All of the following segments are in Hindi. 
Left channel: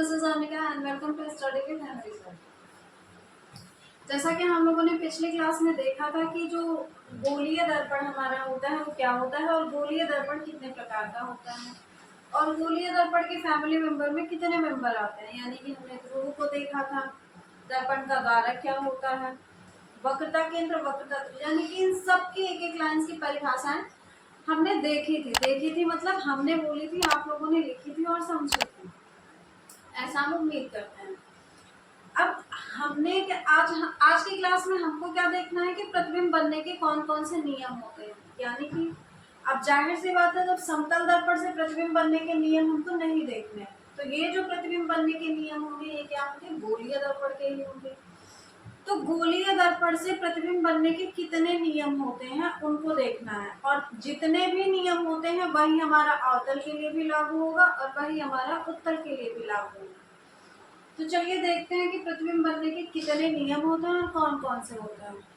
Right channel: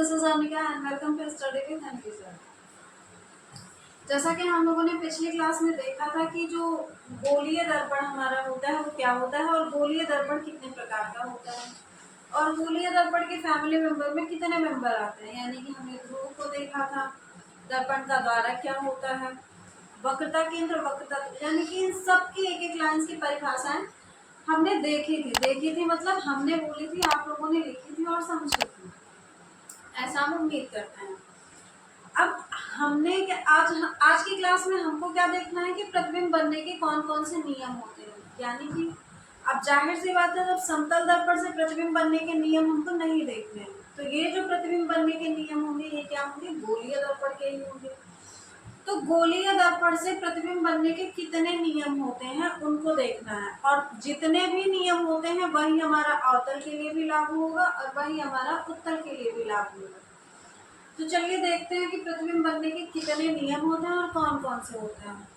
This is Anika and welcome to study with Henry sir. जैसा कि हम लोगों ने पिछली क्लास में देखा था कि जो गोलीय दर्पण हमारा होता है वो क्या होता है और गोलीय दर्पण कितने प्रकार का होता है और गोलीय दर्पण के फैमिली मेंबर में कितने मेंबर आते हैं। यानी कि हमने ध्रुव को देखा था, दर्पण का द्वारक क्या होता है, वक्रता केंद्र, वक्रता, यानी कि इन सब की एक एक लाइन की परिभाषाएं हमने देखी थी मतलब हमने बोली थी, आप लोगों ने लिखी थी और समझी थी, ऐसा हम उम्मीद करते हैं। अब हमने आज की क्लास में हमको क्या देखना है कि प्रतिबिंब बनने के कौन कौन से नियम होते हैं। यानी कि अब जाहिर सी बात है, जब समतल दर्पण से प्रतिबिंब बनने के नियम हमको नहीं देखने हैं, तो ये जो प्रतिबिंब बनने के नियम होंगे ये क्या होंगे, गोलीय दर्पण के ही होंगे। तो गोलीय दर्पण से प्रतिबिंब बनने के कितने नियम होते हैं उनको देखना है, और जितने भी नियम होते हैं वही हमारा अवतल के लिए भी लागू होगा और वही हमारा उत्तल के लिए भी लागू होगा। तो चलिए देखते हैं कि प्रतिबिंब बनने के कितने नियम होते हैं और कौन कौन से होते हैं।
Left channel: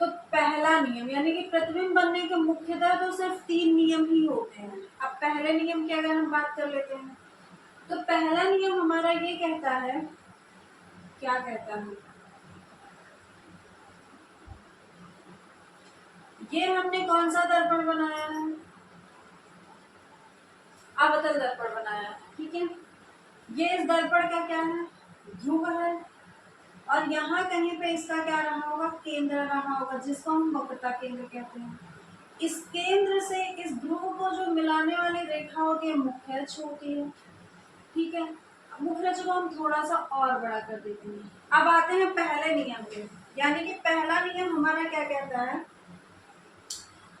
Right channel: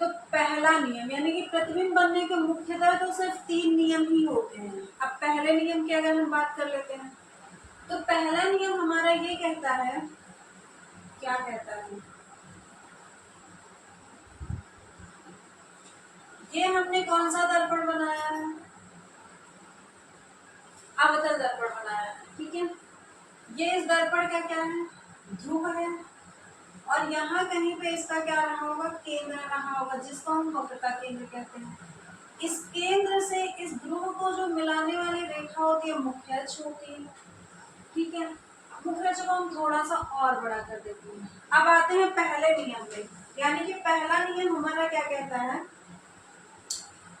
तो पहला नियम, यानी कि प्रतिबिंब बनने के मुख्यतः तो सिर्फ 3 नियम ही होते हैं। अब पहले नियम की अगर हम बात कर लेते हैं तो पहला नियम हमारा ये कहता है, क्या कहता है, ये हमने कौन सा दर्पण बनाया है, अवतल दर्पण बनाया है, ठीक है। ये इस दर्पण का क्या है, ध्रुव है, और यहाँ कहीं पे इसका क्या रहा होगा, केंद्र रहा होगा, जिसको हम वक्रता केंद्र कहते हैं। इस केंद्र से इस ध्रुव को जो मिलाने वाली रेखा होती है मुख्य अक्ष होती है, ठीक है। मुख्य अक्ष को हम थोड़ा सा और बड़ा कर देते हैं। अब आते हैं पहले नियम पे, यानी कि पहला नियम हमारा क्या कहता है,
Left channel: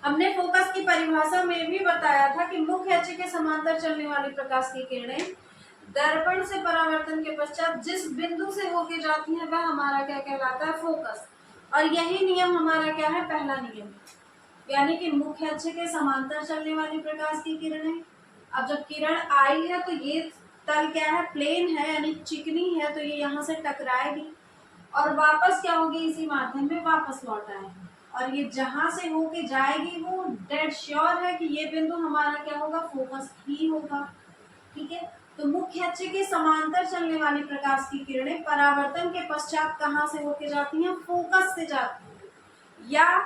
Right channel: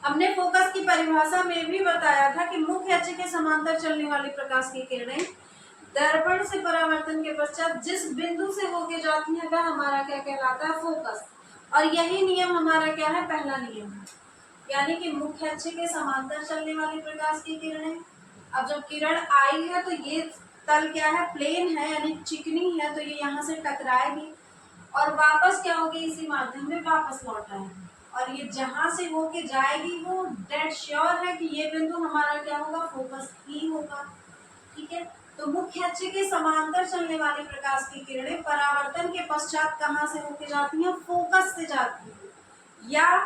हमने फोकस की परिभाषा में भी बताया था कि मुख्य अक्ष के समांतर चलने वाली प्रकाश की किरणें दर्पण से परावर्तन के पश्चात जिस बिंदु से होके जाती है वह हमारा क्या कहलाता है, फोकस। और यही नियम हमारा क्या है, पहला नियम है। यानी कि मुख्य अक्ष के समांतर चलने वाली प्रकाश की किरणें, अब जब किरण आई है तो ये तल क्या है, प्लेन है, यानी चिकनी है, तो ये यहाँ से टकराएगी और वापस क्या होगी, इसी माध्यम में वापस लौट आएगी, और ये जहां से होके जाएगी वो डेड श्योर है कि ये बिंदु हमारा क्या होगा, फोकस ही होगा, ठीक है। तो मुख्य अक्ष के समांतर चलने वाली प्रकाश की किरणें परावर्तन के पश्चात कहाँ से होके जाती हैं, फोकस से जाती है या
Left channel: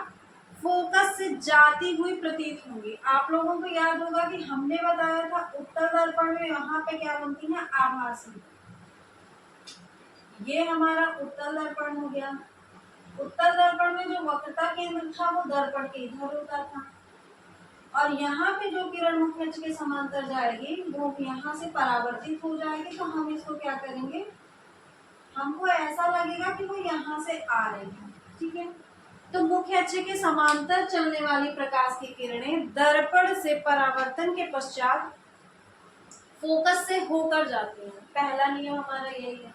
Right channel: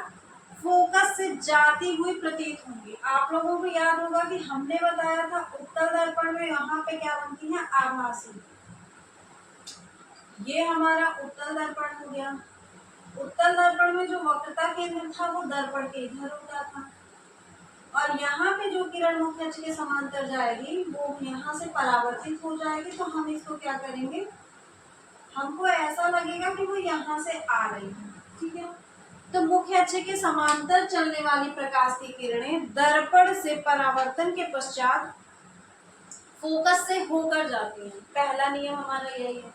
फोकस से जाती हुई प्रतीत होंगी। आप लोगों को याद होगा कि हमने बताया था उत्तल दर्पण में यहाँ पे क्या बनती है, आभासी। ये हमारा उत्तल दर्पण हो गया। उत्तल दर्पण में जो वक्रता केंद्र था वो दर्पण के इधर होता था, और यहाँ पे जो किरण मुख्य अक्ष के समांतर जाएगी वो यहाँ से परावर्तित हो जाएगी। तो हम इसको क्या करेंगे, हमको ऐसा लगेगा कि वो यहाँ से आ रही है, ठीक है। तो मुख्य अक्ष के समांतर चलने वाली प्रकाश की किरणें दर्पण से परावर्तन के पश्चात फोकस से होकर जाती हैं। पहला नियम हमारा यही है।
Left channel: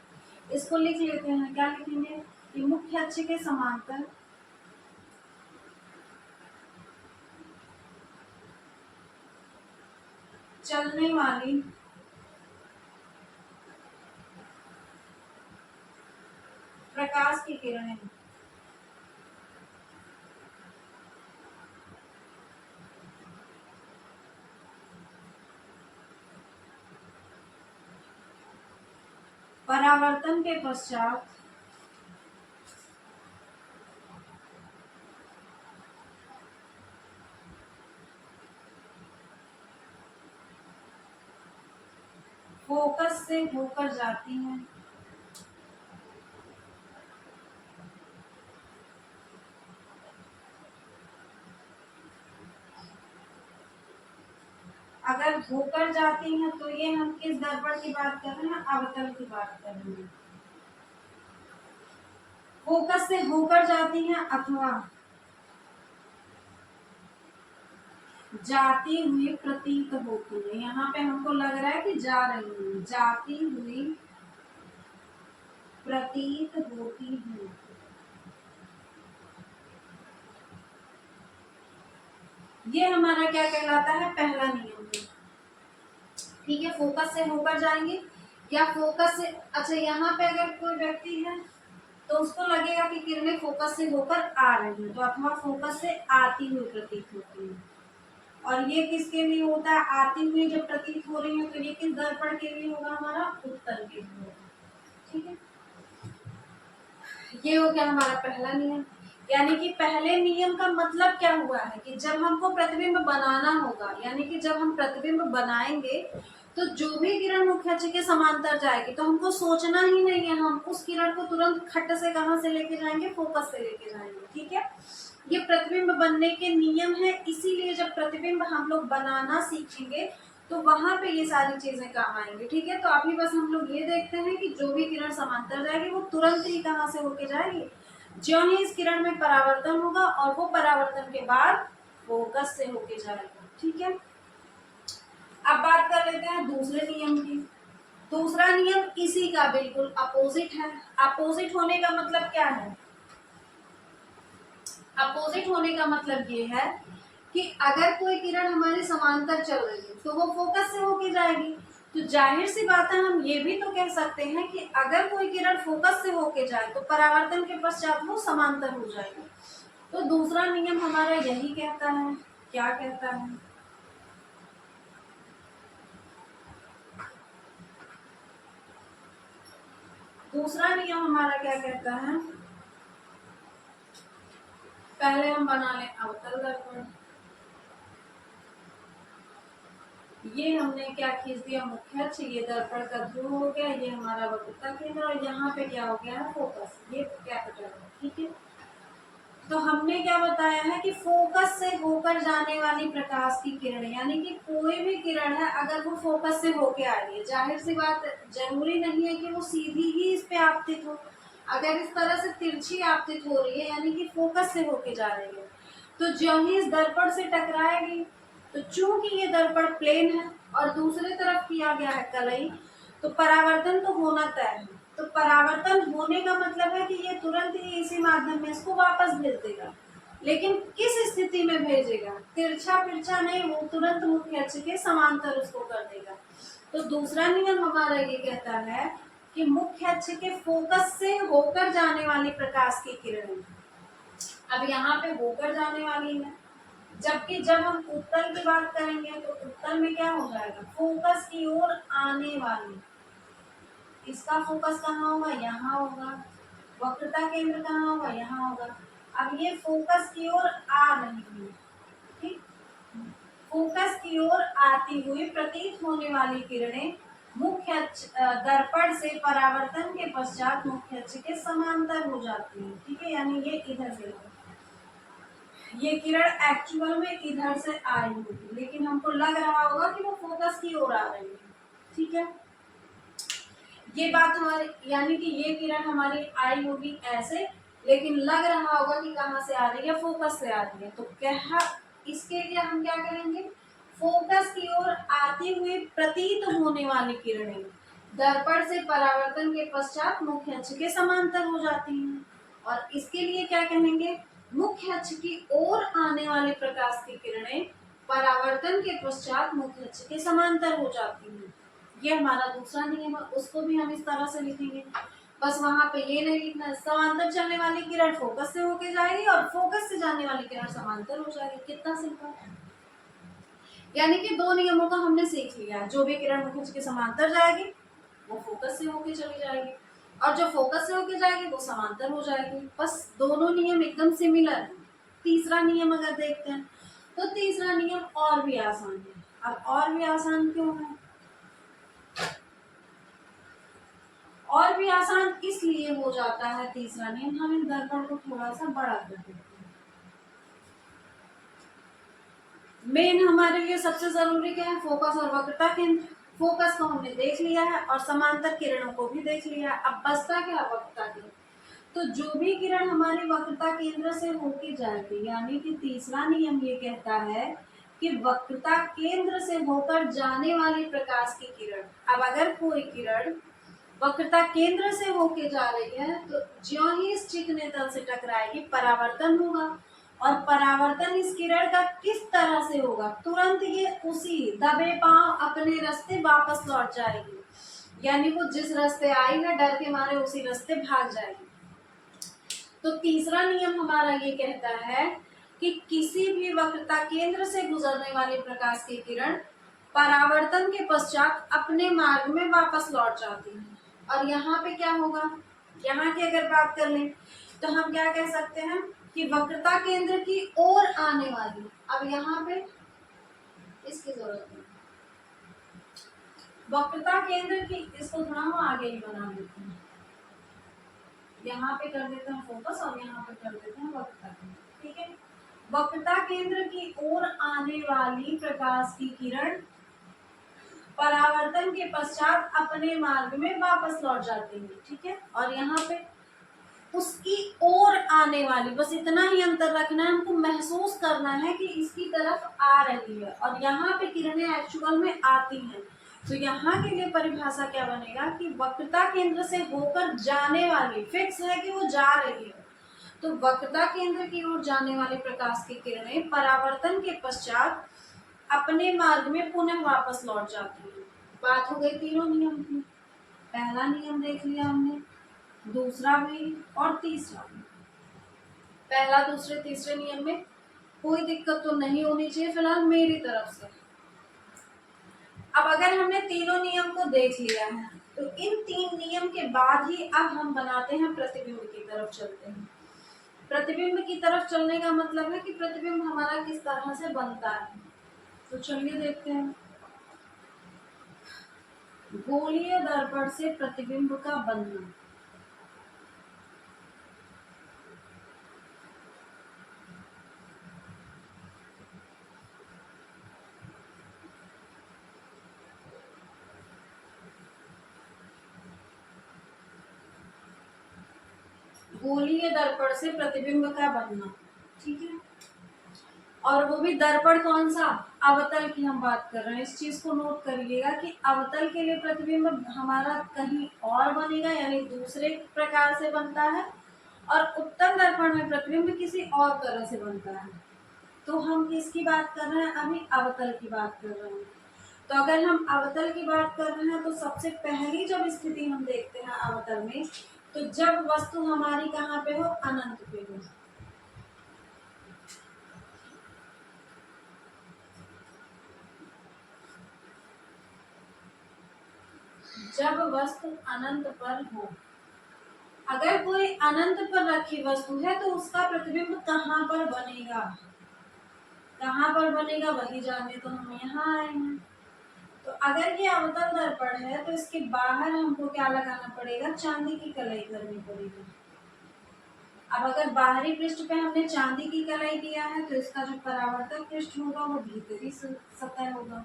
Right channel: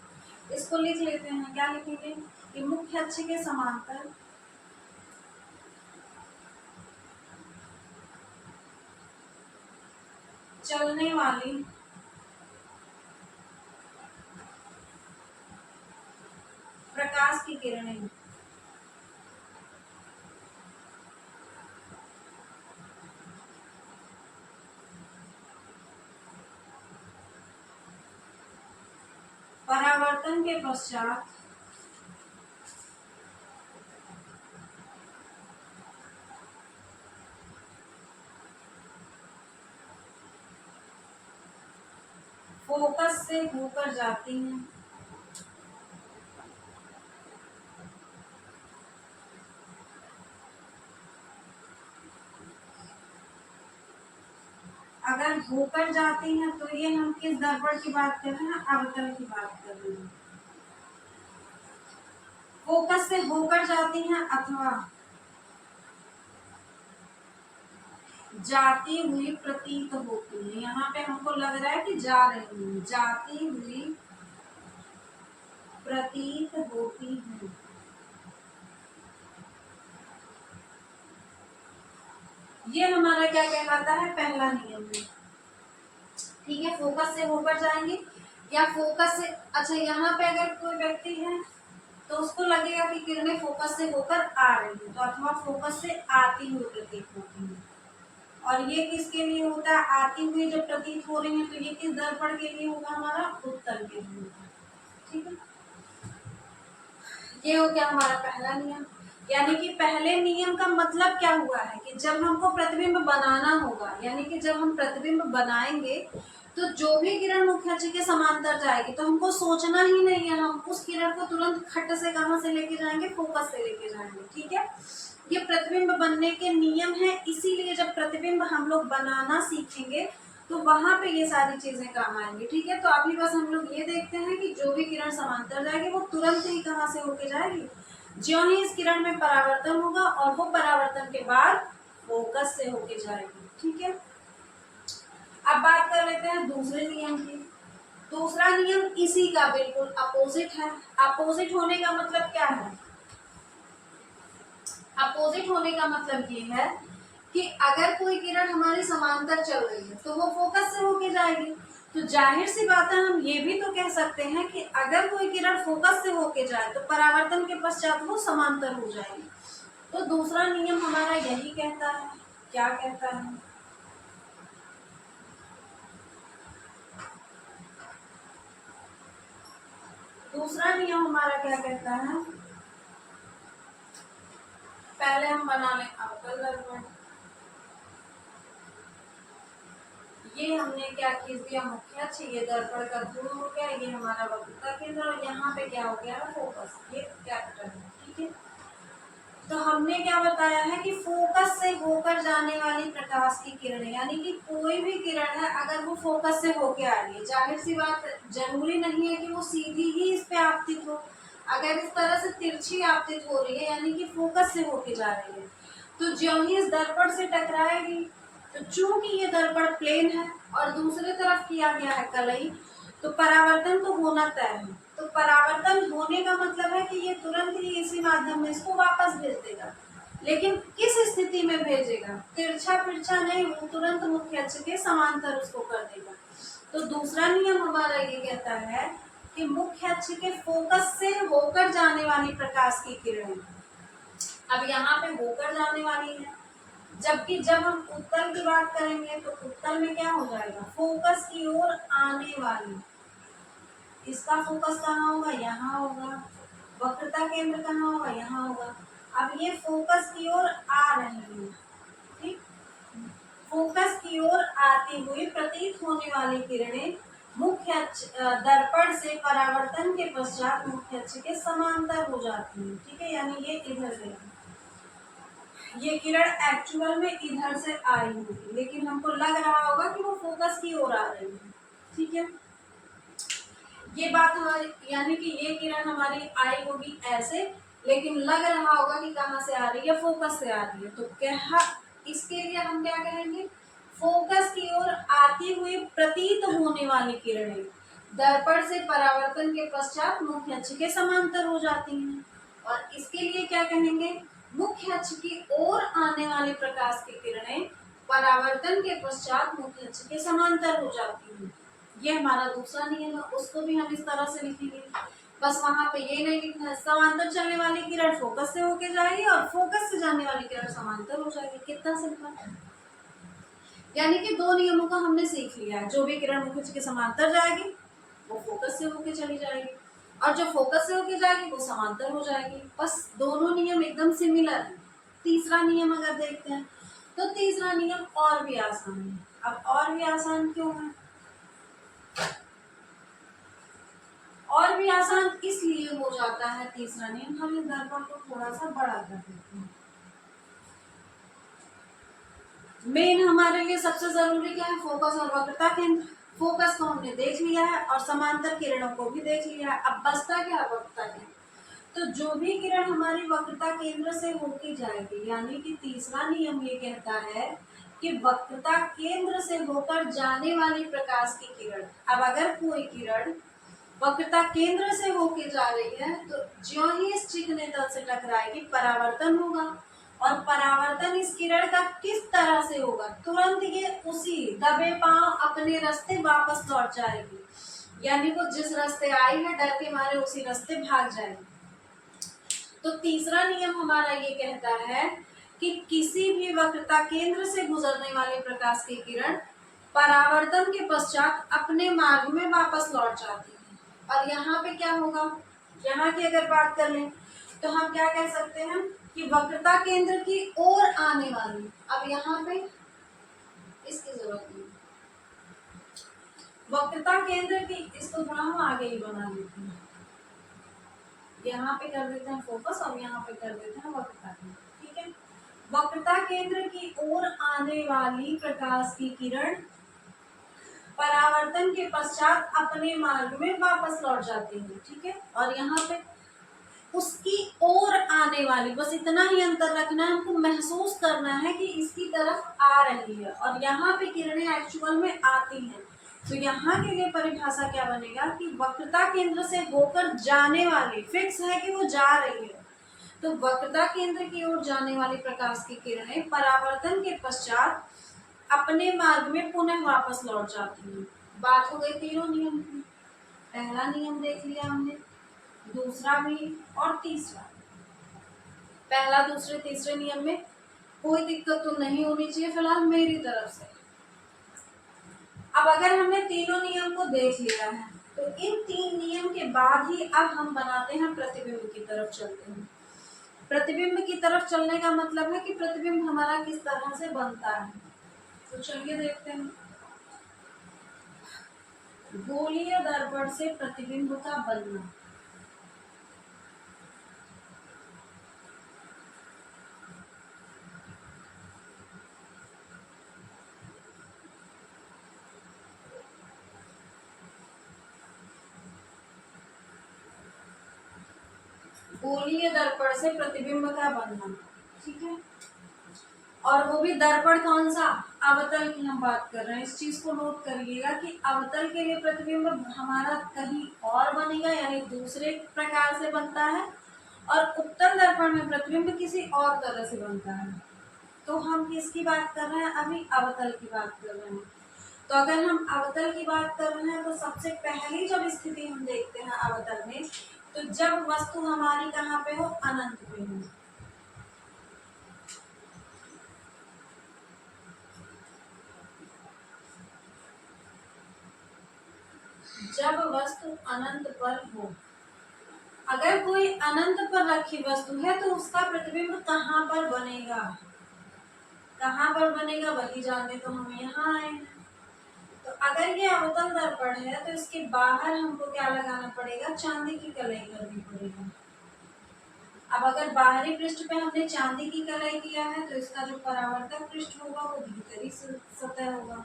इसको लिख लेते हैं, क्या लिखेंगे कि मुख्य अक्ष के समांतर चलने वाली प्रकाश की किरणें परावर्तन के पश्चात फोकस से होकर जाती हैं। अगर होकर जाती हैं तो ये हम किस दर्पण की बात कर रहे हैं, अवतल की बात कर रहे हैं। फोकस से होकर जाती हैं अथवा जाती हुई प्रतीत होती है। यहाँ पे हमको लग रहा है कि जा रही है, जाती हुई प्रतीत होती है। ये हमारा क्या कहलाता है, पहला नियम है, ठीक है। फोकस से होकर जाएंगे या फोकस से, अच्छा यहाँ पे अगर कोई व्यक्ति है तो उसको लगेगा कि किरणें फोकस से होकर आ रही है, तो अथवा फोकस से आती हुई प्रतीत होती है। और ये किसके लिए होता है, आती हुई जब प्रतीत हो रही है तो ये किस दर्पण के लिए होगा, हमारा उत्तल के लिए होगा। ठीक है, ये हो गया हमारा पहला नियम। यानी कि पहले नियम का मतलब क्या हुआ है कि जब हमको प्रतिबिंब बनाना होगा, यानी कि जब हम प्रतिबिंब बनाएंगे तो जो भी किरण मुख्य अक्ष के समांतर जाएगी तो हमको सोचना ही नहीं है, हम उस किरण को तुरंत खट से कहां से लेके जाएंगे, फोकस से लेके जाएंगे। ठीक है, ये प्रतिबिंब बनने के नियम है, इसीलिए जब प्रतिबिंब हम लोग बनाना सीखेंगे तो वहां पे ये सारी चीजें काम आएंगी। ठीक है, तो अभी बस हम लोग ये देखते हैं कि जो भी किरण समांतर जाएगी वो तुरंत ही कहाँ से होके जाएगी, ज्यों ही इस किरण में परावर्तन होगा और वो परावर्तन के बाद फोकस से होके जाएगी। ठीक है, अब बात कर लेते हैं दूसरे नियम की। दूसरा नियम इसी का बिल्कुल अपोजिट है। अपोजिट होने का मतलब क्या है, अपोजिट होने का मतलब ये है कि अगर कोई किरण हमारे समांतर चल रही है तो वो फोकस से होके जाएगी। तो जाहिर सी बात है, हम ये भी तो कह सकते हैं कि अगर कोई किरण फोकस से होके जाए तो परावर्तन के पश्चात वो समांतर हो जाएगी। तो दूसरा नियम हमारा यही कहता है। क्या कहता है, दूसरा नियम हमारा क्या कहता है, पहले हम बना लें अवतल दर्पण। ये हमने क्या खींच दिया, मुख्य अक्ष, ये दर्पण का ध्रुव हो गया, ये हमारा वक्रता केंद्र, और यहाँ पे क्या हो गया है, फोकस, ये कैपिटल है। ठीक है, तो हमने क्या बताया है कि फोकस से होकर जाने वाली प्रकाश की किरण, यानी कि कोई भी किरण है अगर वो फोकस से होके आ रही है, जाहिर सी बात जरूरी नहीं है कि वो सीधी ही इस पे आपतित हो, अगर इस तरह से तिरछी आपतित हो रही है यानी कि फोकस से होके जा रही है, तो ज्यों ही इस दर्पण से टकराएगी, तो चूंकि ये दर्पण प्लेन है और दूसरे तरफ किया गया है कलई, तो परावर्तन तो होना तय है। तो परावर्तन होने का मतलब है कि ये तुरंत ही इसी माध्यम में इसको वापस भेज देगा, लेकिन किस स्थिति में भेजेगा, तिरछा फिरछा नहीं, वो तुरंत मुख्य अक्ष के समांतर उसको कर देगा। तो दूसरा नियम हमारा ये कहता है कि मुख्य अक्ष के फोकस से होकर जाने वाली प्रकाश की किरण, अब यहाँ पे होकर जाने वाली है, जबकि जब हम उत्तल की बात करेंगे तो उत्तल में क्या हो जाएगा, फोकस की ओर आने वाली, इसका फोकस कहाँ होगा, यहाँ होगा, वक्रता केंद्र कहाँ होगा, यहाँ होगा। अब ये फोकस की ओर आ रही है, ठीक, फोकस की ओर आती हुई प्रतीत होने वाली किरणें मुख्य दर्पण से परावर्तन के पश्चात मुख्य अक्ष के समांतर हो जाती है। ठीक है, यानी ये इधर से, ये किरण एक्चुअल में इधर से आई होगी, लेकिन हमको लग रहा होगा कि वो फोकस की ओर आ रही है। ठीक है, ये बात हमारी, यानी कि ये किरण हमारी आई होगी ऐसे, लेकिन लग रहा होगा कि कहाँ से आ रही है, फोकस से आ रही है। तो क्या, इसके लिए हम क्या करेंगे, फोकस की ओर आती हुई प्रतीत होने वाली किरणें दर्पण से परावर्तन के पश्चात मुख्य अक्ष के समांतर हो जाती हैं, और इसके लिए क्या कहेंगे, मुख्य अक्ष की ओर आने वाली प्रकाश की किरणें परावर्तन के पश्चात मुख्य अक्ष के समांतर हो जाती हैं। ये हमारा दूसरा नियम है, उसको भी हम इस तरह से लिखेंगे। बस वहां पे ये नहीं लिखना है, समांतर चलने वाली किरण फोकस से होके जाएगी और फोकस से जाने वाली किरण समांतर हो जाएगी। कितना सिंपल, यानी कि दो नियमों का हमने सीख लिया है, जो भी किरण मुख्य अक्ष के समांतर जाएगी वो फोकस से होके चली जाएगी, और जो फोकस से होके जाएगी वो समांतर हो जाएगी। बस दोनों नियम एकदम सिमिलर है। तीसरा नियम अगर देखते हैं तो तीसरा नियम और भी आसान है। अब और भी आसान क्यों है, और भी आसान इसलिए हो जाता है तीसरा नियम, हम इस दर्पण को थोड़ा सा बड़ा कर देते हैं। मेन हमारे लिए सबसे जरूरी क्या है, फोकस और वक्रता केंद्र। फोकस को हमने देख लिया है और समांतर किरणों को भी देख लिया है, अब बचता क्या, वक्रता केंद्र। तो जो भी किरण हमारी वक्रता केंद्र से होके जाएगी, यानी कि तीसरा नियम ये कहता है कि वक्रता केंद्र से होकर जाने वाली प्रकाश की किरण, अब अगर कोई किरण वक्रता केंद्र से होके जा रही है तो ज्यों ही इस चिकने तल से टकराएगी परावर्तन होगा, और परावर्तन इस किरण का किस तरह से होगा, तुरंत ये उसी दबे पांव अपने रास्ते वापस लौट जाएगी, यानी वो जिस रास्ते आई है डर के मारे उसी रास्ते भाग जाएगी। तो तीसरा नियम हमारा ये कहता है कि किसी भी वक्रता केंद्र से गुजरने वाले प्रकाश की किरण परावर्तन के पश्चात अपने मार्ग में वापस लौट जाती है। और यहाँ पे क्या होगा, यहाँ की अगर बात कर लें तो हम क्या कह सकते हैं कि वक्रता केंद्र की ओर आने वाली, अब यहाँ पे इसकी जरूरत नहीं, वक्रता केंद्र की, इसको थोड़ा हम आगे ही बना देते हैं, यहाँ पे कर देते हैं फोकस और यहाँ पे कर देते हैं वक्रता केंद्र, ठीक है। वक्रता केंद्र की ओर आने वाली प्रकाश की किरण परावर्तन के पश्चात अपने मार्ग में वापस लौट जाती है, ठीक है। और यहाँ पे उसकी ओर आने वाली, बस इतना ही अंतर रखना है, हमको महसूस करना है कि इसकी तरफ आ रही है और यहाँ पे किरणें एक्चुअल में आती हैं। तो यहाँ के लिए परिभाषा क्या बनेगा कि वक्रता केंद्र से होकर जाने वाली, फिक्स है कि वो जा रही है, तो वक्रता केंद्र की ओर जाने वाली प्रकाश की किरणें परावर्तन के पश्चात अपने मार्ग में पुनः वापस लौट जाती हैं। बात हो गई तीनों नियम की, पहला नियम देख लिया हमने, दूसरा भी और तीसरा भी। पहला दूसरे तीसरे नियम में कोई दिक्कत तो नहीं होनी चाहिए फिलहाल मेरी तरफ से। अब अगर हमने तीनों नियम को देख लिया है तो इन तीन नियम के बाद ही अब हम बनाते हैं प्रतिबिंब की तरफ चलते हैं। प्रतिबिंब की तरफ चलने का मतलब है कि प्रतिबिंब हमारा किस तरह से बनता है, तो चलिए देखते हैं। गोलीय दर्पण से प्रतिबिंब का बनना, गोलीय दर्पण से प्रतिबिंब का बनना, ठीक है। और वो भी दर्पण कौन सा, अवतल की हम बात कर रहे हैं। इस चीज को नोट करिएगा कि अवतल के लिए प्रतिबिंब हमारा कहीं और बनेगा, यानी दूसरे प्रकार से बनता है, और उत्तल दर्पण में प्रतिबिंब किसी और तरह से बनता है। तो हम किसकी बात कर रहे हैं, अभी अवतल की बात कर रहे हैं। तो अगर हम अवतल की बात कर रहे हैं तो सबसे पहली जब स्थिति हम देखते हैं अवतल में, तो जब वस्तु हमारी कहाँ पे हो, अनंत पे हो। जब वस्तु अनंत पर हो, अगर कोई अनंत पर रखी वस्तु है तो उसका प्रतिबिंब कहाँ पर बनेगा, कहाँ पर बनेगा वही जानने तो हम यहाँ आए हैं। तो अगर ये अवतल दर्पण है तो इसके बाहर हमको क्या लगाना पड़ेगा, चांदी की कलाई करनी पड़ेगी। अब अगर बाहरी पृष्ठ पे हमने चांदी की कलाई किया है तो इसका जो परावर्तक पृष्ठ होगा वो भीतरी सतह होगा।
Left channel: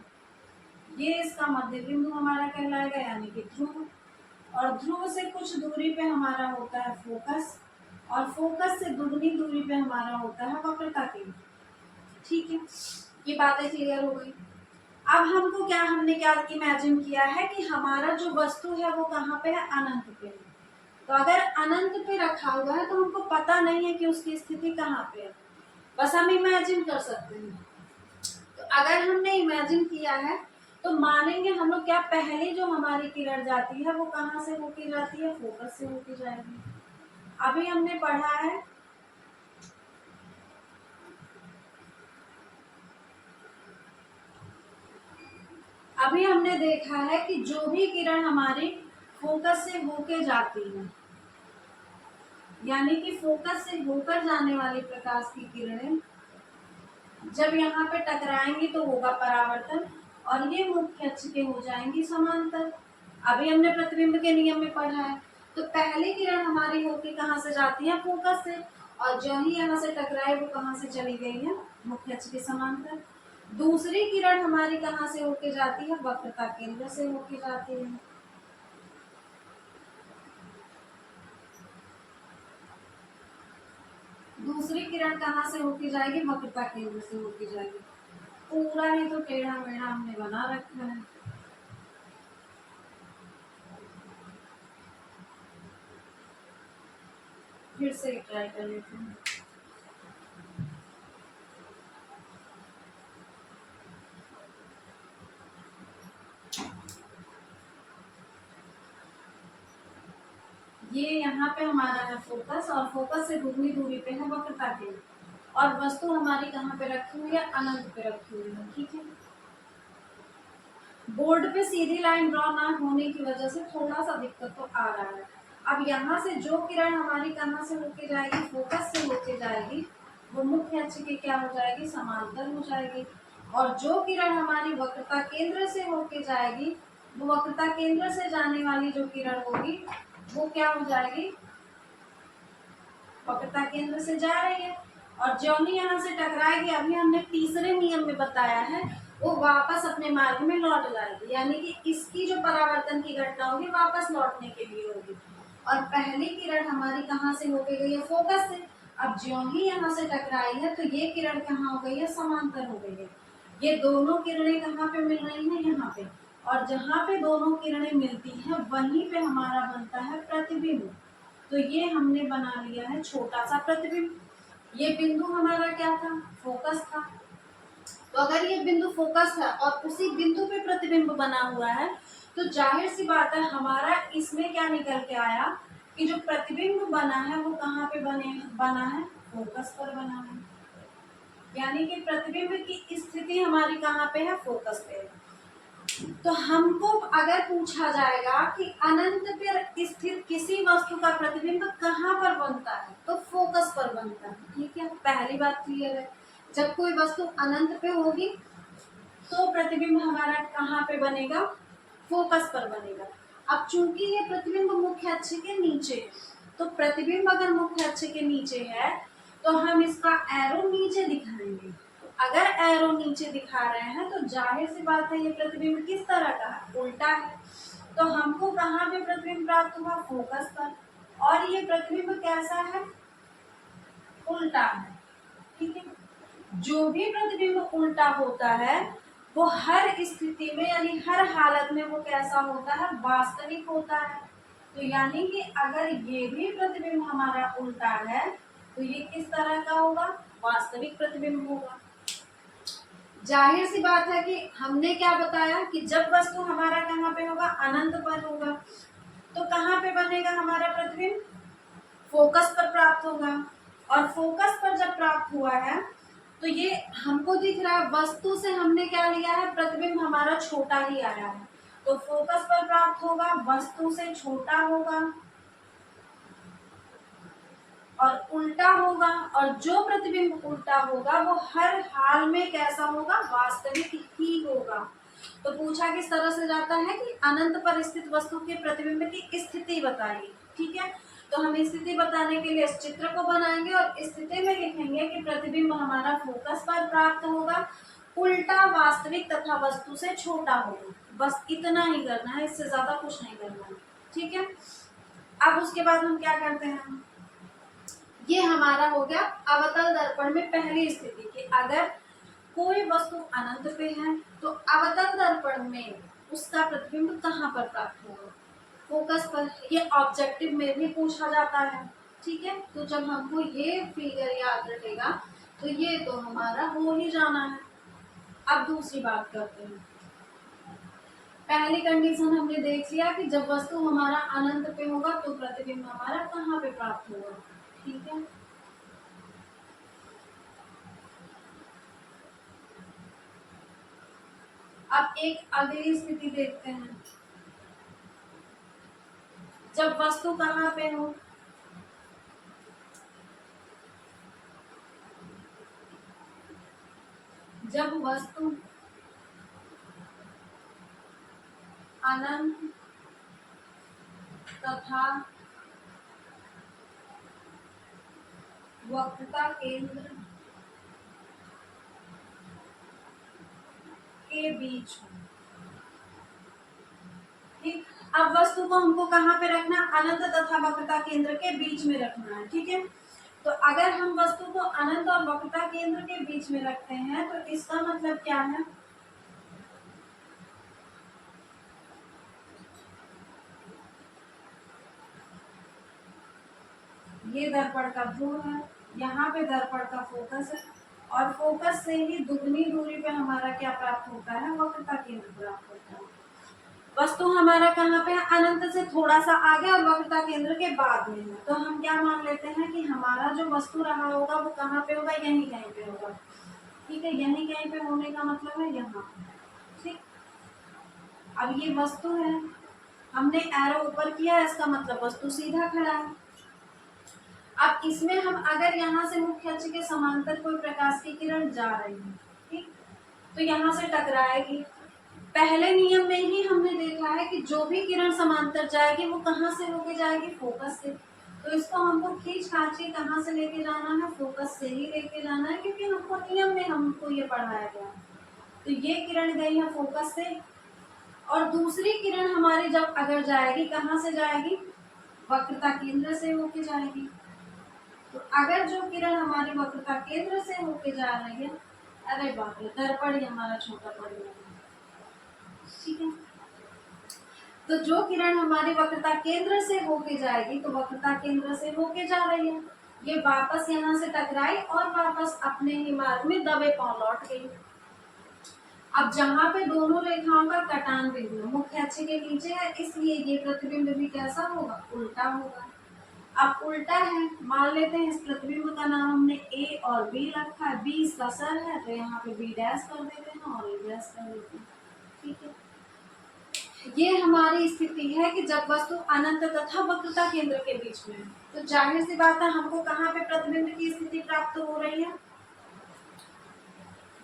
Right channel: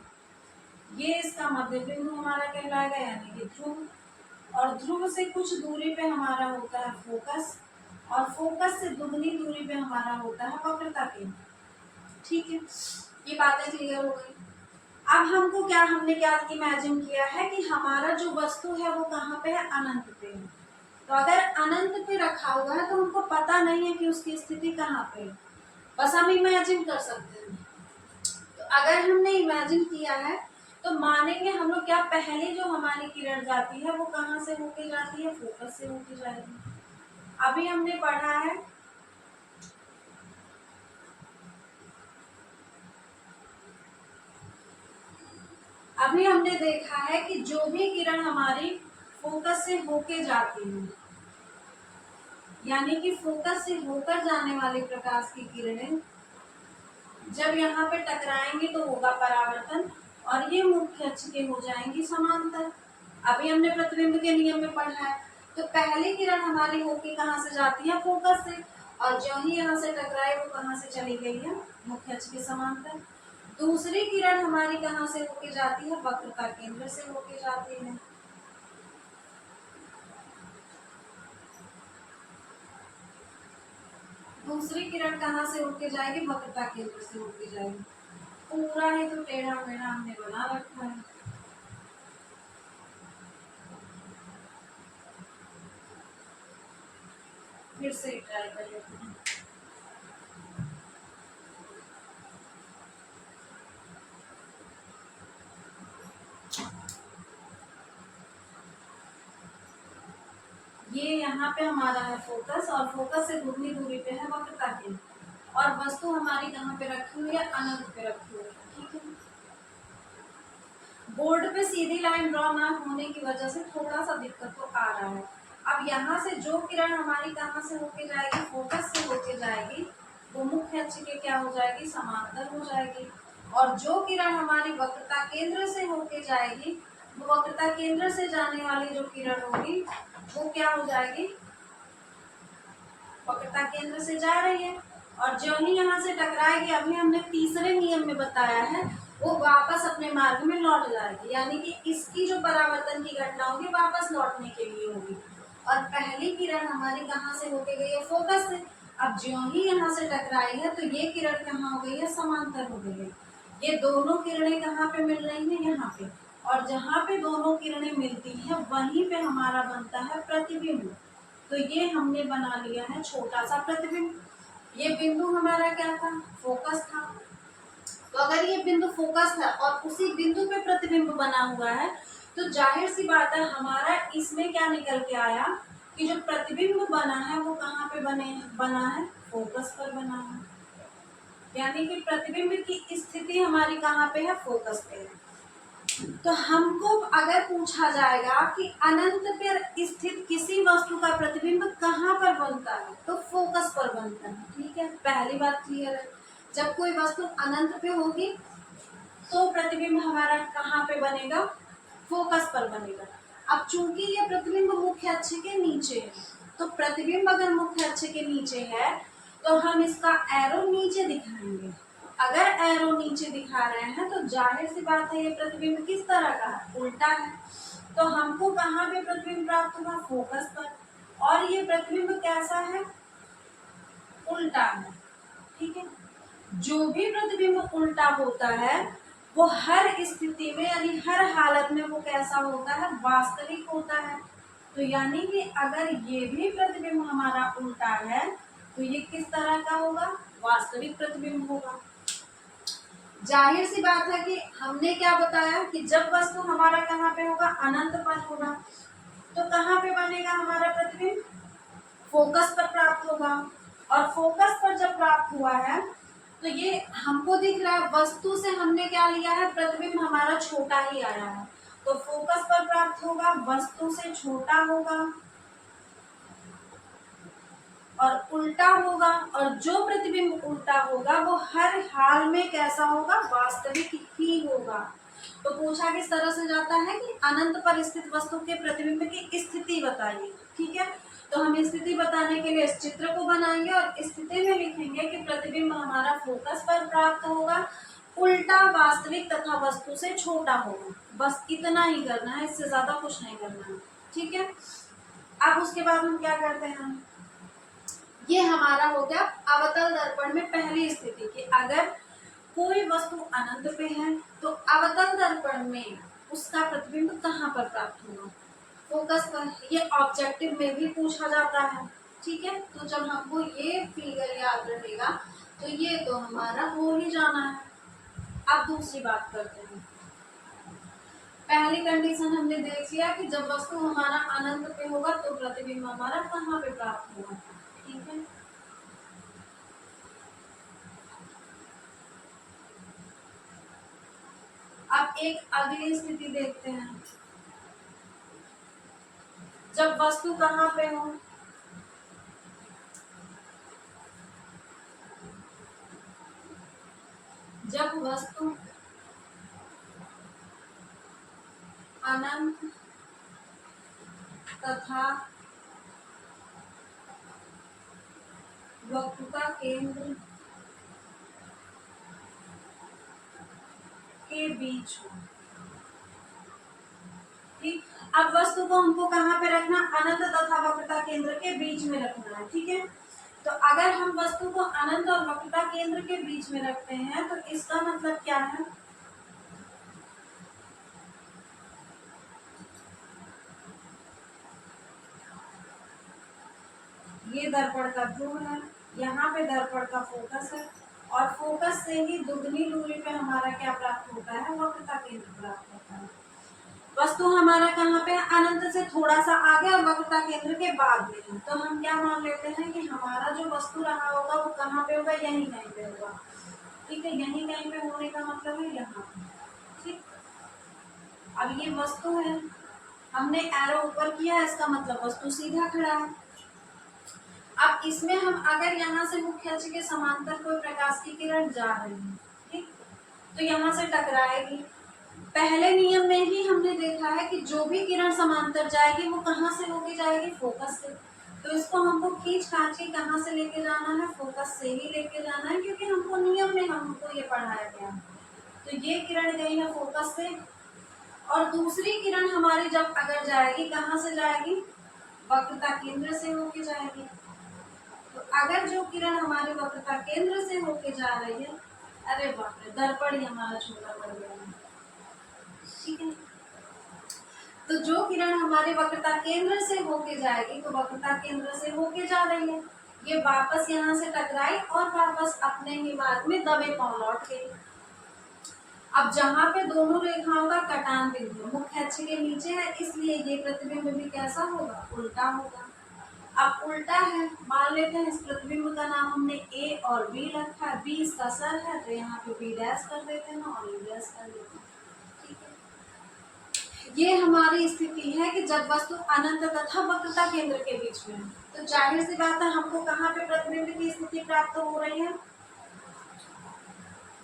ये इसका मध्य बिंदु हमारा कहलाएगा, यानी कि ध्रुव। और ध्रुव से कुछ दूरी पे हमारा होता है फोकस, और फोकस से दुगनी दूरी पे हमारा होता है वक्रता केंद्र, ठीक है। ये बातें क्लियर हो गई। अब हमको क्या, हमने क्या इमेजिन किया है कि हमारा जो वस्तु है वो कहाँ पे है, अनंत पे है। तो अगर अनंत पे रखा हुआ है तो हमको पता नहीं है कि उसकी स्थिति कहाँ पे है, बस हम इमेजिन कर सकते हैं। तो अगर हमने इमेजिन किया है तो मानेंगे हम लोग क्या, पहली जो हमारी किरण जाती है वो कहाँ से होके जाती है, फोकस से होके जाएगी। अभी हमने पढ़ा है अभी हमने देखा है कि जो भी किरण हमारी फोकस से होके जाती है, यानी कि फोकस से होकर जाने वाली प्रकाश की किरणें जब यहाँ पे टकराएंगी तो होगा परावर्तन, और ये मुख्य अक्ष के हो जाएंगी समांतर। अभी हमने प्रतिबिंब के नियम में पढ़ा है। तो पहली किरण हमारी होके कहाँ से जाती है, फोकस से, और जो ही यहाँ से टकराए वो कहाँ से चली गई है, मुख्य अक्ष के समांतर। दूसरी किरण हमारी कहाँ से होके जाती है, वक्रता केंद्र से होके जाती है। दूसरी किरण कहाँ से होके जाएगी, वक्रता केंद्र से होके जाएगी। पूरा ही तो टेढ़ा मेढ़ा हमने बना रखा है। फिर से ट्राई कर लेते हैं। ये यहाँ पे हमारा है फोकस, और फोकस से दुगनी दूरी पे है वक्रता केंद्र। और वस्तु हमारी कहाँ पे रखी हुई है, अनंत पे रखी हुई है। ठीक है, बोर्ड पे सीधी लाइन ड्रॉ ना होने की वजह से थोड़ा सा दिक्कत तो आ रहा है। अब यहाँ से जो किरण हमारी कहाँ से होके जाएगी, फोकस से होके जाएगी, वो मुख्य अक्ष के क्या हो जाएगी, समांतर हो जाएगी। और जो किरण हमारी वक्रता केंद्र से होके जाएगी, वो वक्रता केंद्र से जाने वाली जो किरण होगी वो क्या हो जाएगी, वक्रता केंद्र से जा रही है और जो ही यहाँ से टकराएगी, अभी हमने तीसरे नियम में बताया है, वो वापस अपने मार्ग में लौट जाएगी। यानी कि इसकी जो परावर्तन की घटना होगी वापस लौटने के लिए होगी। और पहली किरण हमारी कहाँ से होके गई है, फोकस से। अब ज्यों ही यहाँ से टकराई है तो ये किरण कहाँ हो गई है, समांतर हो गई है। ये दोनों किरणें कहाँ पे मिल रही हैं, यहाँ पे। और जहाँ पे दोनों किरणें मिलती हैं वहीं पे हमारा बनता है प्रतिबिंब। तो ये हमने बना लिया है छोटा सा प्रतिबिंब। ये बिंदु हमारा क्या था, फोकस था। तो अगर ये बिंदु फोकस है और उसी बिंदु पे प्रतिबिंब बना हुआ है, तो जाहिर सी बात है हमारा इसमें क्या निकल के आया कि जो प्रतिबिंब बना है वो कहाँ पे बना है, फोकस पर बना है। यानी कि प्रतिबिंब की स्थिति हमारी कहाँ पे है, फोकस पे है। तो हमको अगर पूछा जाएगा कि अनंत पर स्थित किसी वस्तु का प्रतिबिंब कहाँ पर बनता है, तो फोकस पर बनता है। ठीक है, पहली बात क्लियर है। जब कोई वस्तु अनंत पे होगी तो प्रतिबिंब हमारा कहाँ पे बनेगा, फोकस पर बनेगा। अब चूंकि ये प्रतिबिंब मुख्य अक्ष के नीचे है, तो प्रतिबिंब अगर मुख्य अक्ष के नीचे है तो हम इसका एरो नीचे दिखाएंगे। अगर एरो नीचे दिखा रहे हैं तो जाहिर सी बात है ये प्रतिबिंब किस तरह का है, उल्टा है। तो हमको कहाँ पे प्रतिबिंब प्राप्त हुआ, फोकस पर। और ये प्रतिबिंब कैसा है, उल्टा है। ठीक है, जो भी प्रतिबिंब उल्टा होता है वो हर स्थिति में यानी हर हालत में वो कैसा होता है, वास्तविक होता है। तो यानी कि अगर ये भी प्रतिबिंब हमारा उल्टा है तो ये किस तरह का होगा, वास्तविक प्रतिबिंब होगा। जाहिर सी बात है कि हमने क्या बताया कि जब वस्तु हमारा कहाँ पे होगा, अनंत पर होगा, तो कहाँ पे बनेगा हमारा प्रतिबिंब, फोकस पर प्राप्त होगा। और फोकस पर जब प्राप्त हुआ है तो ये हमको दिख रहा है, वस्तु से हमने क्या लिया है, प्रतिबिंब हमारा छोटा ही आया है, तो फोकस पर प्राप्त होगा, वस्तु से छोटा होगा और उल्टा होगा। और जो प्रतिबिंब उल्टा होगा वो हर हाल में कैसा होगा, वास्तविक ही होगा। तो पूछा किस तरह से जाता है कि अनंत पर स्थित वस्तु के प्रतिबिंब की स्थिति बताइए। ठीक है, तो हम स्थिति बताने के लिए इस चित्र को बनाएंगे और स्थिति में लिखेंगे कि प्रतिबिंब हमारा फोकस पर प्राप्त होगा, उल्टा, वास्तविक तथा वस्तु से छोटा होगा। बस इतना ही करना है, इससे ज्यादा कुछ नहीं करना है। ठीक है, अब उसके बाद हम क्या करते हैं, ये हमारा हो गया अवतल दर्पण में पहली स्थिति कि अगर कोई वस्तु अनंत पे है तो अवतल दर्पण में उसका प्रतिबिंब कहाँ पर प्राप्त होगा, फोकस पर। ये ऑब्जेक्टिव में भी पूछा जाता है। ठीक है, तो जब हमको ये फिगर याद रहेगा तो ये तो हमारा हो ही जाना है। अब दूसरी बात करते हैं। पहली कंडीशन हमने देख लिया कि जब वस्तु हमारा अनंत पे होगा तो प्रतिबिंब हमारा कहाँ पे प्राप्त होगा। ठीक है, अब एक अगली स्थिति देखते हैं। जब वस्तु कहाँ पे हो, जब वस्तु अनंत तथा वक्रता केंद्र के बीच हो। ठीक, अब वस्तु को हमको कहाँ पे रखना, अनंत तथा वक्रता केंद्र के बीच में रखना है। ठीक है, तो अगर हम वस्तु को अनंत और वक्रता केंद्र के बीच में रखते हैं तो इसका मतलब क्या है, ये दर्पण का ध्रुव है, यहाँ पे दर्पण का फोकस है और फोकस से ही दुगनी दूरी पे हमारा क्या प्राप्त होता है, वक्रता केंद्र प्राप्त होता है। वस्तु हमारा कहाँ पे है, अनंत से थोड़ा सा आगे और वक्रता केंद्र के बाद में है। तो हम क्या मान लेते हैं कि हमारा जो वस्तु रहा होगा वो कहाँ पे होगा, यहीं कहीं पे होगा। ठीक है, यहीं कहीं पे होने का मतलब है यहाँ। ठीक, अब ये वस्तु है, हमने एरो ऊपर किया है, इसका मतलब वस्तु सीधा खड़ा है। अब इसमें हम अगर यहाँ से मुख्य अक्ष के समांतर कोई प्रकाश की किरण जा रही है, ठीक, तो यहाँ से टकराएगी। पहले नियम में ही हमने देखा है कि जो भी किरण समांतर जाएगी वो कहाँ से होके जाएगी, फोकस से। तो इसको हमको खींच खांच के कहाँ से लेके जाना है, फोकस से ही लेके जाना है, क्योंकि हमको नियम में हमको ये पढ़ाया गया है। तो ये किरण गई है फोकस से, और दूसरी किरण हमारी जब अगर जाएगी, कहाँ से जाएगी, वक्रता केंद्र से होके जाएगी। तो अगर जो किरण हमारी वक्रता केंद्र से होके जा रही है, अरे बाप रे, दर्पण ही हमारा छोटा पड़ गया है। ठीक है, तो जो किरण हमारे वक्रता केंद्र से होके जाएगी, तो वक्रता केंद्र से होके जा रही है, ये वापस यहाँ से टकराई और वापस अपने ही मार्ग में दबे पांव लौट गई। अब जहाँ पे दोनों रेखाओं का कटान बिंदु मुख्य अक्ष के नीचे है, इसलिए ये प्रतिबिंब भी कैसा होगा, उल्टा होगा। अब उल्टा है, मान लेते हैं इस प्रतिबिंब का नाम हमने ए और बी रखा है, बी इसका सर है तो यहाँ पे बी डैश कर देते हैं और ए डैश कर देते हैं। ठीक है, ये हमारी स्थिति है कि जब वस्तु अनंत तथा वक्रता केंद्र के बीच में है, तो जाहिर सी बात है हमको कहाँ पे प्रतिबिंब की स्थिति प्राप्त हो रही है,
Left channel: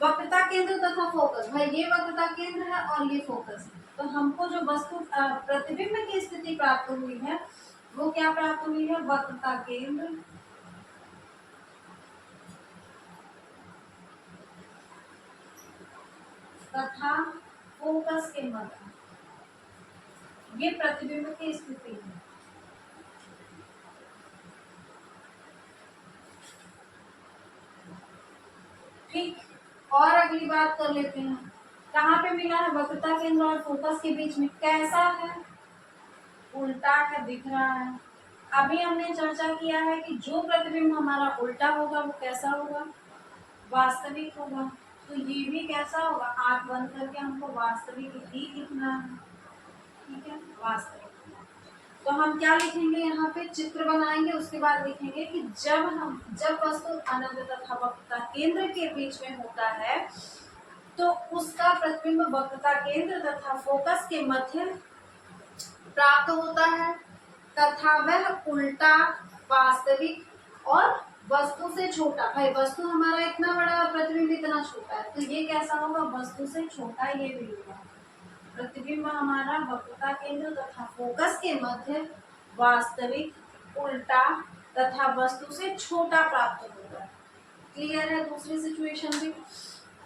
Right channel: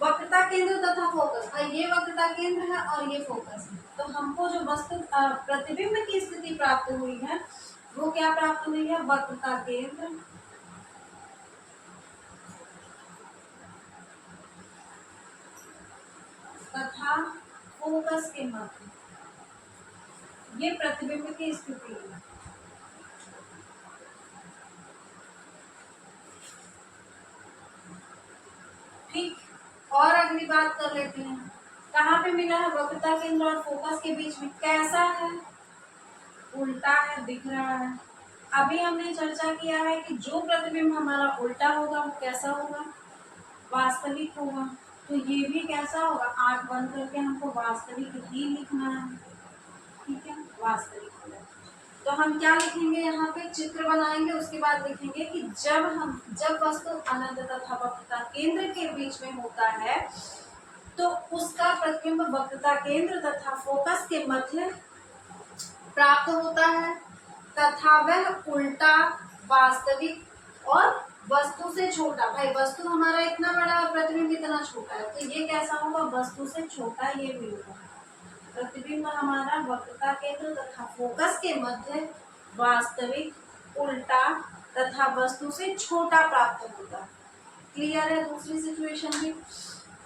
वक्रता केंद्र तथा फोकस। भाई ये वक्रता केंद्र है और ये फोकस है, तो हमको जो वस्तु प्रतिबिंब की स्थिति प्राप्त हुई है वो क्या प्राप्त हुई है, वक्रता केंद्र तथा फोकस के मध्य, ये प्रतिबिंब की स्थिति है। ठीक, और अगली बात कर लेते हैं, कहाँ पे मिला है, वक्रता केंद्र और फोकस के बीच में। कैसा है, उल्टा है, दिख रहा है। अभी हमने चर्चा किया है कि जो प्रतिबिंब हमारा उल्टा होगा वो कैसा होगा, वास्तविक होगा। तो ये भी कैसा होगा, आंख बंद करके हमको वास्तविक ही लिखना है। ठीक है, वास्तविक होगा। तो हम क्या लिखेंगे, यहाँ पे चित्र बनाएंगे, उसके बाद लिखेंगे कि जब वस्तु अनंत तथा वक्रता केंद्र के बीच में होता है तो उसका प्रतिबिंब वक्रता केंद्र तथा फोकस के मध्य प्राप्त होता है, तथा वह उल्टा, वास्तविक और वस्तु से छोटा। भाई वस्तु हमारा इतना बड़ा और प्रतिबिंब इतना छोटा है, तो ये कैसा होगा, वस्तु से छोटा ये भी होगा। प्रतिबिंब हमारा वक्रता केंद्र तथा फोकस के मध्य वास्तविक, उल्टा तथा वस्तु से छोटा प्राप्त होगा। क्लियर है। दूसरी सिचुएशन भी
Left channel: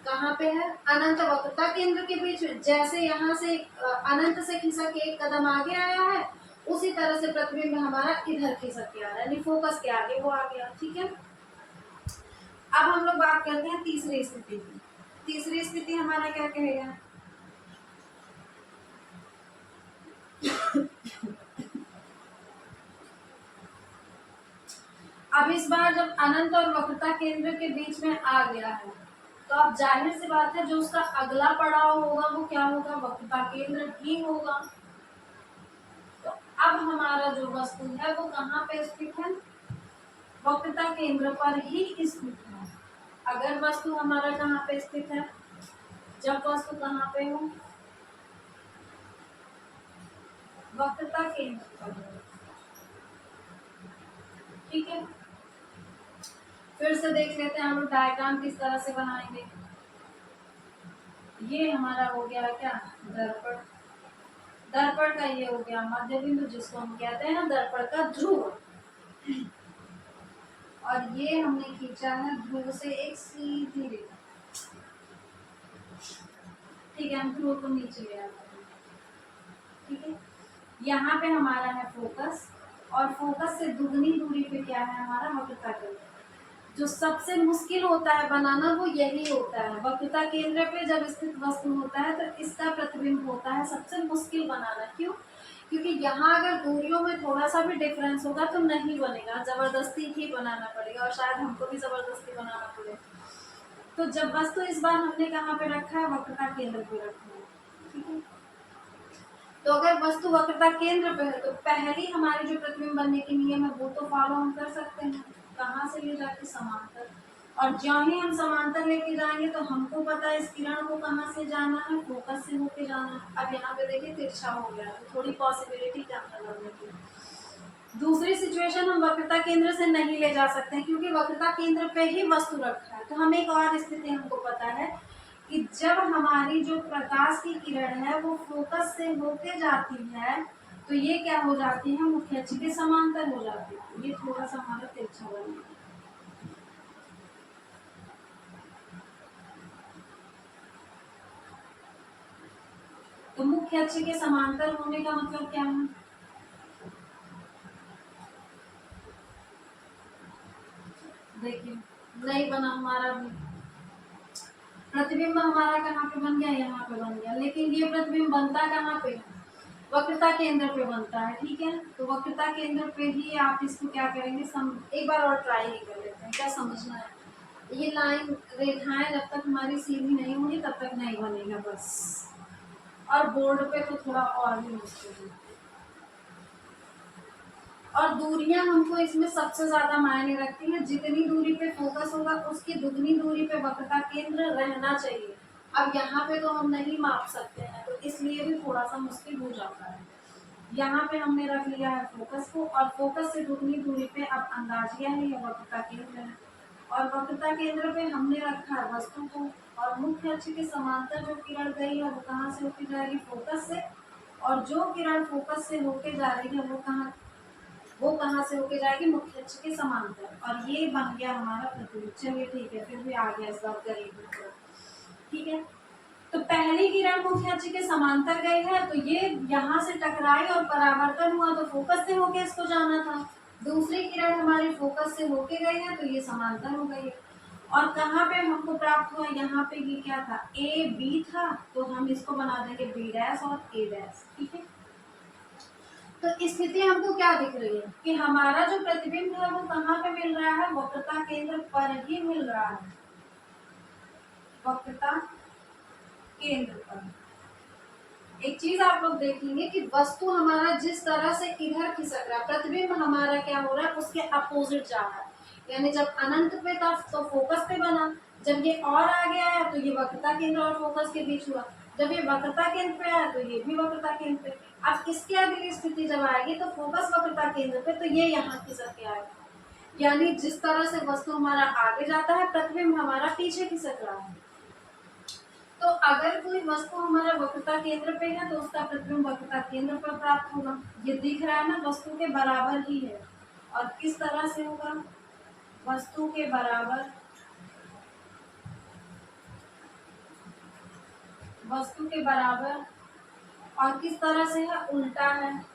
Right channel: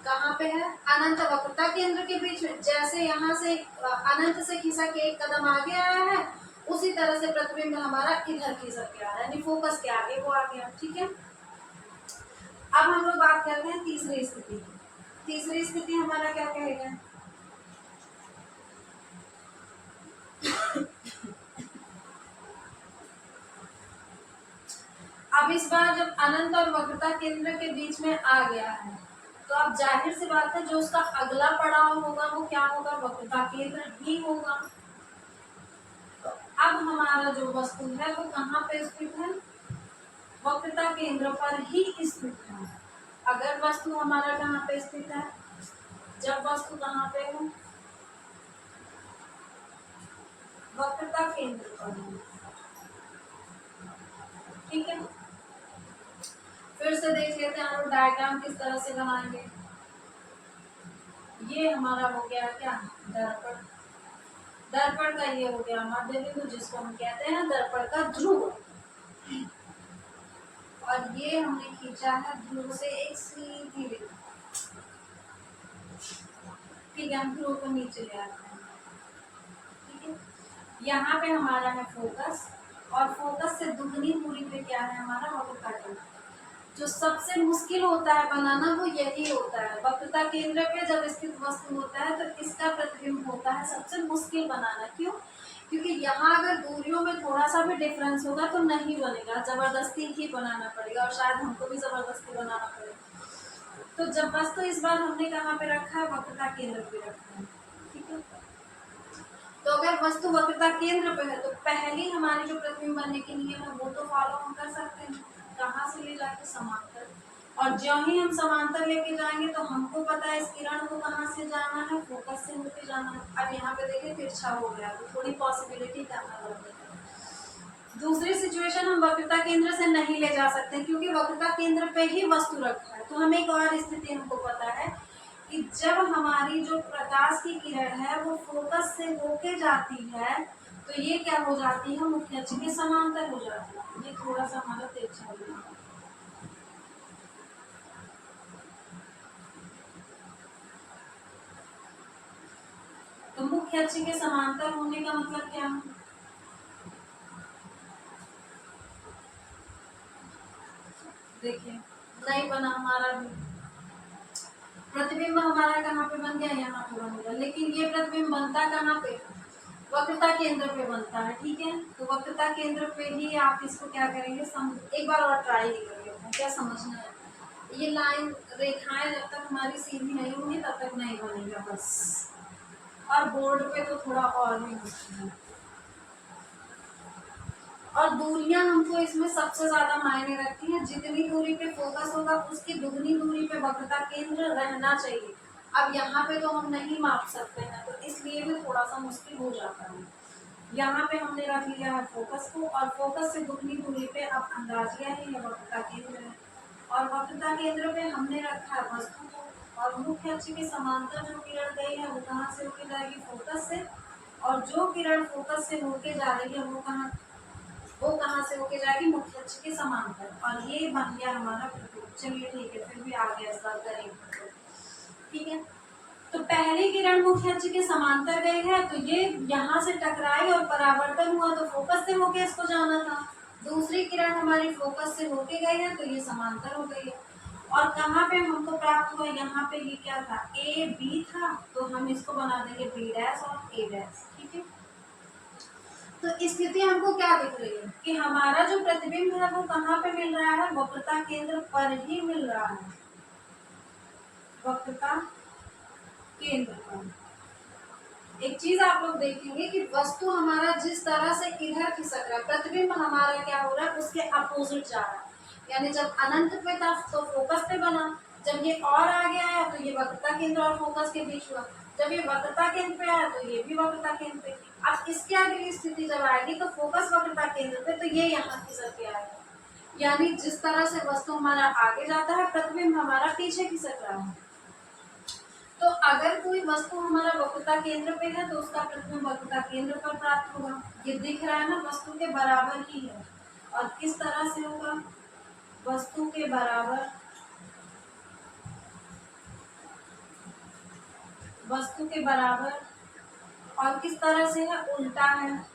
कहाँ पे है, अनंत वक्रता केंद्र के बीच में। जैसे यहाँ से अनंत से खिसक के एक कदम आगे आया है, उसी तरह से प्रतिबिंब हमारा इधर खिसक के आ रहा है, यानी फोकस के आगे वो आ गया। ठीक है, अब हम लोग बात करते हैं तीसरी स्थिति की। तीसरी स्थिति हमारा क्या कहेगा, अब इस बार जब अनंत और वक्रता केंद्र के बीच में आ गया है, तो अब जाहिर सी बात है जो उसका अगला पड़ाव होगा वो क्या होगा, वक्रता केंद्र ही होगा। तो अब हमारा जो वस्तु है वो कहाँ पे स्थित है, वक्रता केंद्र पर ही स्थित है। अगर वस्तु हमारा कहाँ पे स्थित है, जब वस्तु कहाँ पे हो, वक्रता केंद्र पर हो। ठीक है, फिर से देख लेते हैं हम लोग डायग्राम किस तरह से बनाएंगे। ये हमारा हो गया क्या, दर्पण। दर्पण का ये हो गया मध्य बिंदु, जिसको हम कहते हैं दर्पण का ध्रुव। और ये हमने खींचा है ध्रुव से एक सीधी रेखा। ठीक है, हम ध्रुव को नीचे ले आते हैं। ठीक है, यहाँ पे हमारा है फोकस, और फोकस से दुगनी दूरी पे क्या है हमारा, वक्रता केंद्र। जो सबसे मुश्किल होता है बनाना वो यही होता है, वक्रता केंद्र पे जब स्थित वस्तु होता है तो इसका प्रतिबिंब होता है सबसे मुश्किल बनाना। क्यों, क्योंकि यहाँ अगर दूरियों में थोड़ा सा भी डिफरेंस होगा तो नहीं बनेगा, जबरदस्ती ही बनाना पड़ेगा, और शायद हमको भी जबरदस्ती बनाना पड़ेगा। तो जब वस्तु इस बार हमने कहाँ पे रखा है, वक्रता केंद्र पे रखा है। ठीक है, तो अगर वस्तु वक्रता केंद्र पे है तो पहली हमारी जो प्रतिबिंब बनने की नियम है वो तो फॉलो हम कर सकते हैं, कहाँ से ले जाके समांतर। और ज्यों ही हम समांतर लेके जाएंगे तो हमको पता है इस किरण को कहाँ से जाना है, फोकस से होके जाना है। अब यहाँ पे देखिए तिरछा हो गया तो थोड़ी पॉसिबिलिटी कम है लगने की। दूसरी सिचुएशन, हम वक्रता केंद्र से नहीं ले जा सकते क्योंकि वक्रता केंद्र पे ही वस्तु रखा है। तो हमें एक और स्थिति हमको पता है कि जब हमारी जो प्रकाश की किरण है वो फोकस से होके जाती है तो ये क्या हो जाती है, मुख्य अक्ष के समांतर हो जाती है। ये थोड़ा सा हमारा तिरछा बना है। तो मुख्य अक्ष के समांतर होने का मतलब क्या है, देखिए नहीं बना हमारा भी प्रतिबिंब, हमारा कहाँ पे बन गया, यहाँ पे बन गया। लेकिन ये प्रतिबिंब बनता कहाँ पे, वक्रता केंद्र पे बनता है। ठीक है, तो वक्रता केंद्र पे ही आप इसको क्या करेंगे, एक बार और ट्राई कर लेते हैं, क्या समझना है। ये लाइन रेखाएं जब तक हमारी सीधी नहीं होंगी तब तक नहीं बनेगा बस। और बोर्ड पे तो थोड़ा और भी मुश्किल है। और दूरियां हमको इसमें सबसे ज्यादा मायने रखती हैं। जितनी दूरी पे फोकस होगा उसकी दुगनी दूरी पे वक्रता केंद्र रहना चाहिए। अब यहाँ पे तो हम नहीं माप सकते हैं तो इसलिए भी थोड़ा सा मुश्किल हो जाता है। यहाँ पे हमने रख लिया है फोकस को और फोकस से दुगनी दूरी पे अब अंदाजिया है या वक्रता केंद्र है। और वक्रता केंद्र पे हमने रखा है वस्तु को। और मुख्य अक्ष के समांतर जो किरण गई है वो कहाँ से होके जाएगी, फोकस से। और जो किरण फोकस से होके जा रही है वो कहाँ से होके जाएगी, मुख्य अक्ष के समांतर। और ये बन गया हमारा प्रतिबिंब। चलिए ठीक है, फिर भी आगे इस बार करेंगे। ठीक है, तो पहली किरण मुख्य अक्ष के समांतर गई है तो ये यहाँ से टकराई और परावर्तन हुआ तो फोकस से होके इसको जाना था। दूसरी किरण हमारी फोकस से होके गई है तो ये समांतर हो गई है। और कहाँ पे हमको प्राप्त हुआ, यहाँ पे ये क्या था, ए बी था तो हम इसको बना देंगे बी डैश और ए डैश। ठीक है, तो स्थिति हमको क्या दिख रही है कि हमारा जो प्रतिबिंब है वो कहाँ पे मिल रहा है, वक्रता केंद्र पर ही मिल रहा है, वक्रता केंद्र पर। एक चीज आप लोग देखेंगे कि वस्तु हमारा जिस तरह से इधर खिसक रहा है, प्रतिबिंब हमारा क्या हो रहा है उसके अपोजिट जा रहा है। यानी जब अनंत पे था तो फोकस पे बना, जब ये और आगे आया तो ये वक्रता केंद्र और फोकस के बीच हुआ, जब ये वक्रता केंद्र पे आया तो ये भी वक्रता केंद्र पे। अब इसके आगे की स्थिति जब आएगी तो फोकस वक्रता केंद्र पे तो ये यहाँ खिसक के आएगा। यानी जिस तरह से वस्तु हमारा आगे जाता है प्रतिबिंब हमारा पीछे खिसक रहा है। तो अगर कोई वस्तु हमारा वक्रता केंद्र पे है तो उसका प्रतिबिंब वक्रता केंद्र पर प्राप्त होगा। ये दिख रहा है ना, वस्तु के बराबर ही है। और किस तरह से होगा, वस्तु के बराबर, वस्तु के बराबर। और किस तरह से है, उल्टा है।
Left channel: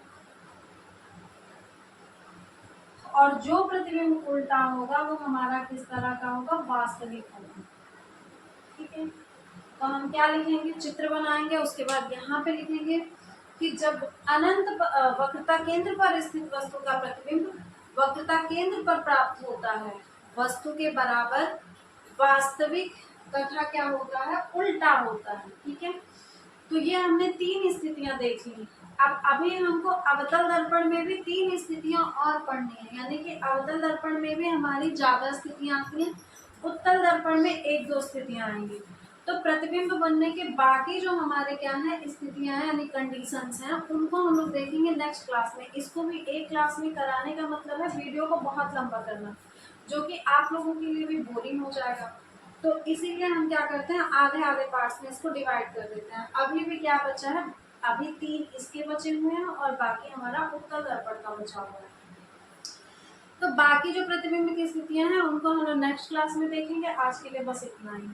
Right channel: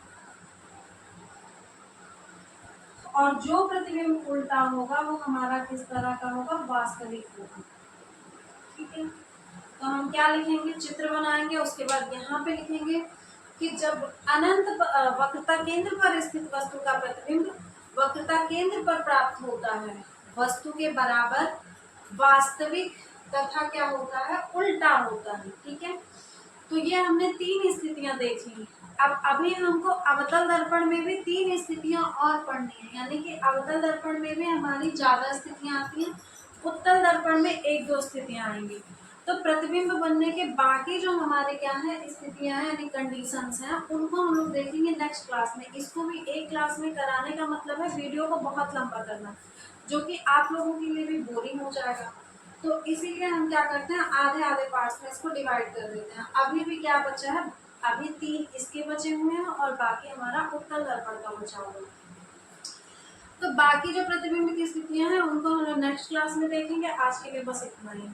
और जो प्रतिबिंब उल्टा होगा वो हमारा किस तरह का होगा, वास्तविक होगा। ठीक है, तो हम क्या लिखेंगे, चित्र बनाएंगे, उसके बाद यहाँ पे लिखेंगे कि जब अनंत वक्रता केंद्र पर स्थित वस्तु का प्रतिबिंब वक्रता केंद्र पर प्राप्त होता है वस्तु के बराबर वास्तविक तथा क्या होता है, उल्टा होता है। ठीक है, तो ये हमने तीन स्थितियां देख ली। अब अभी हमको अवतल दर्पण में भी तीन स्थितियां और पढ़नी है। यानी कि अवतल दर्पण में भी हमारी ज्यादा स्थितियां आती हैं, उत्तल दर्पण में एक दो स्थितियां आएंगी। तो प्रतिबिंब बनने के बाकी जो हमारे क्या है स्थितियां हैं यानी कंडीशंस हैं, उनको हम लोग देखेंगे नेक्स्ट क्लास में। इसको भी एक क्लास में कराने का मतलब है वीडियो को बहुत लंबा करना, जो कि आप लोगों के लिए भी बोरिंग हो जाएगा। तो इसीलिए हम क्या करते हैं, आधे आधे पार्ट्स में इसको डिवाइड कर देते हैं। अभी भी क्या बचा है, अभी तीन इसके बचे हुए हैं और बाकी हमारा उत्तल दर्पण का बचा हुआ है। तो बाकी जो प्रतिबिंब की स्थितियां हैं उनको हम लोग नेक्स्ट क्लास में देखेंगे। आज के लिए बस इतना ही।